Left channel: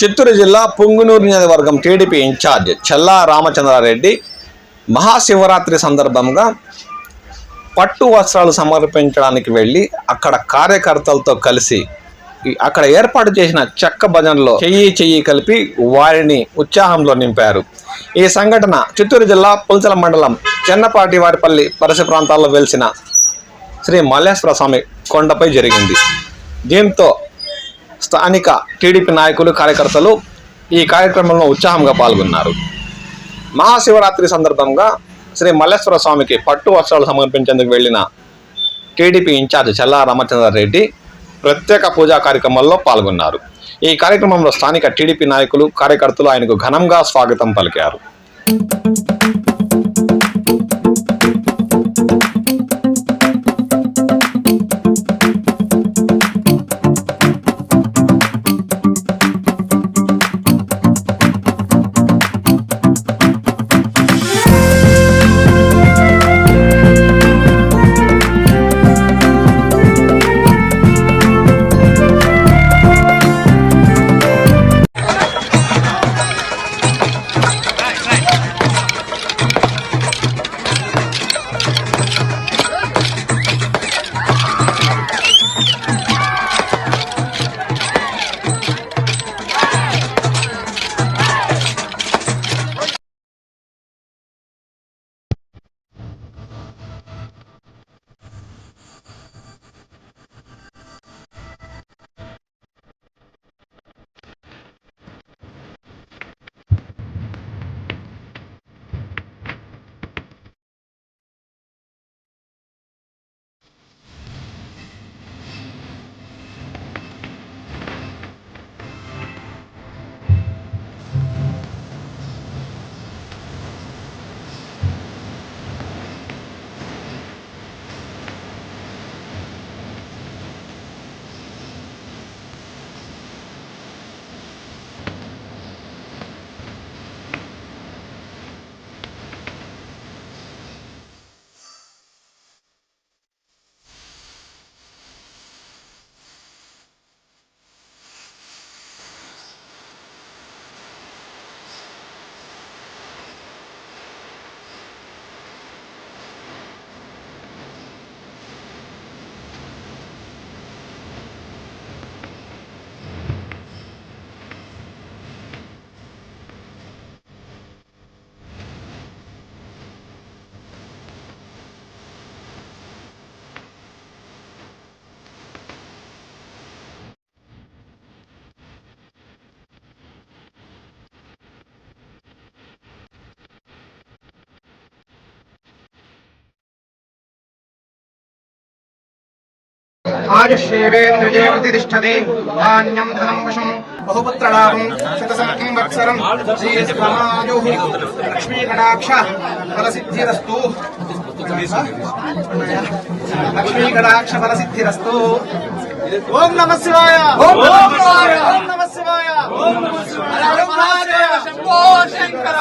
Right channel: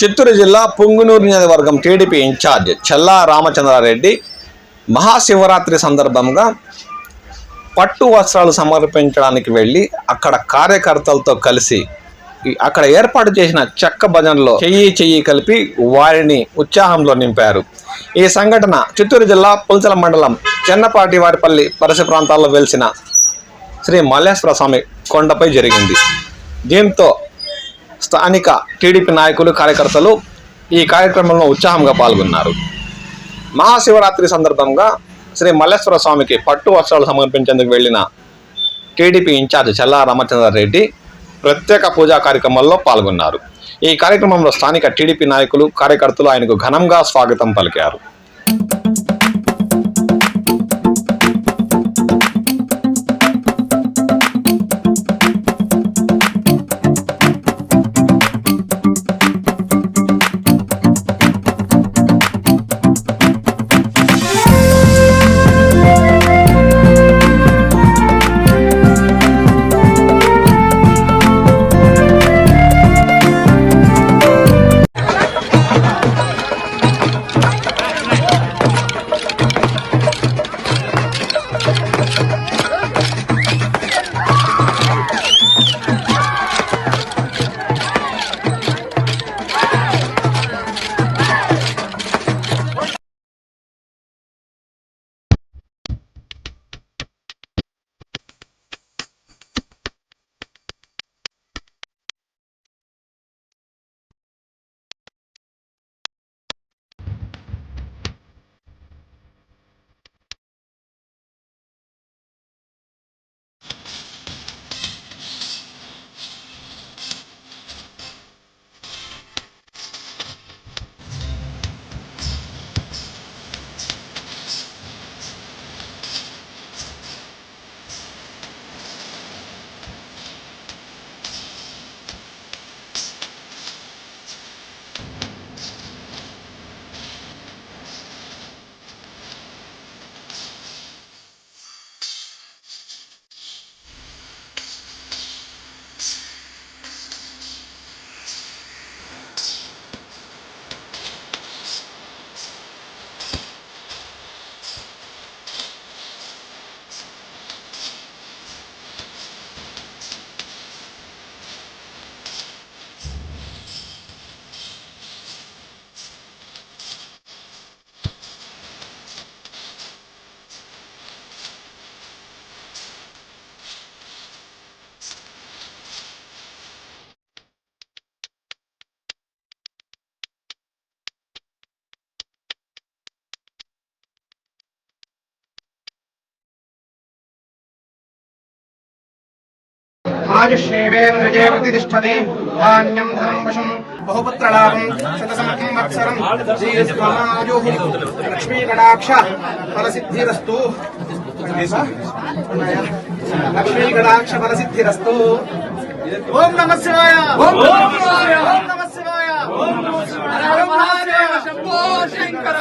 చిత్తూరు జిల్లా పుంగునూరు నియోజకవర్గం TDP incharge చల్లా రామచంద్రారెడ్డి మహాశివరాత్రి సందర్భంగా పట్టు వస్త్రాలు సమర్పించడానికి వెళ్ళి అక్కడ కార్యకర్తలతో కలిసి అక్కడ ఏర్పాటు చేసిన చెక్క భజనలో చెయ్యి కలిపి వారిని ఉత్సాహంలో నింపారు. ఈ సంఘటన చిత్తూరు జిల్లా పుల్చల మండలం చెన్నపాటి వారిపల్లి పరిసర ప్రాంతాల్లో వెలిసిన శ్రీ మల్లేశ్వర స్వామి కొండపై జరిగింది. దీంతో స్థానిక టీడీపీ నాయకులు కార్యకర్తలు ఈ కార్యక్రమంలో ఉత్సాహంగా పాల్గొన్నారు. మహాశివరాత్రి సందర్భంగా శ్రీ మల్లేశ్వర స్వామికి పట్టు వస్త్రాలు సమర్పించేందుకు వెళ్లిన టీడీపీ ఇన్ఛార్జ్ చల్లా రామచంద్రారెడ్డి ప్రత్యేక పూజా కార్యక్రమాల్లో పాల్గొన్నారు. ఈ కార్యక్రమంలో స్థానిక టీడీపీ నాయకులు కార్యకర్తలు ఆయనకు ఘనంగా స్వాగతం పలికారు. आयुष्येवेन्द्रियेवतिष्ठति धान्यं धनं वशं बहुपुत्रलाभं शतसंवत्सरं श्रीस्वामायुः लक्ष्मीकटाक्ष फलसिद्धिरस्तु लक्ष्मीकटाक्ष फलसिद्धिरस्तु ओम नमः शिवाय ओम नमः शिवाय ओम नमः शिवाय ओम नमः शिवाय हर महादेव शंकर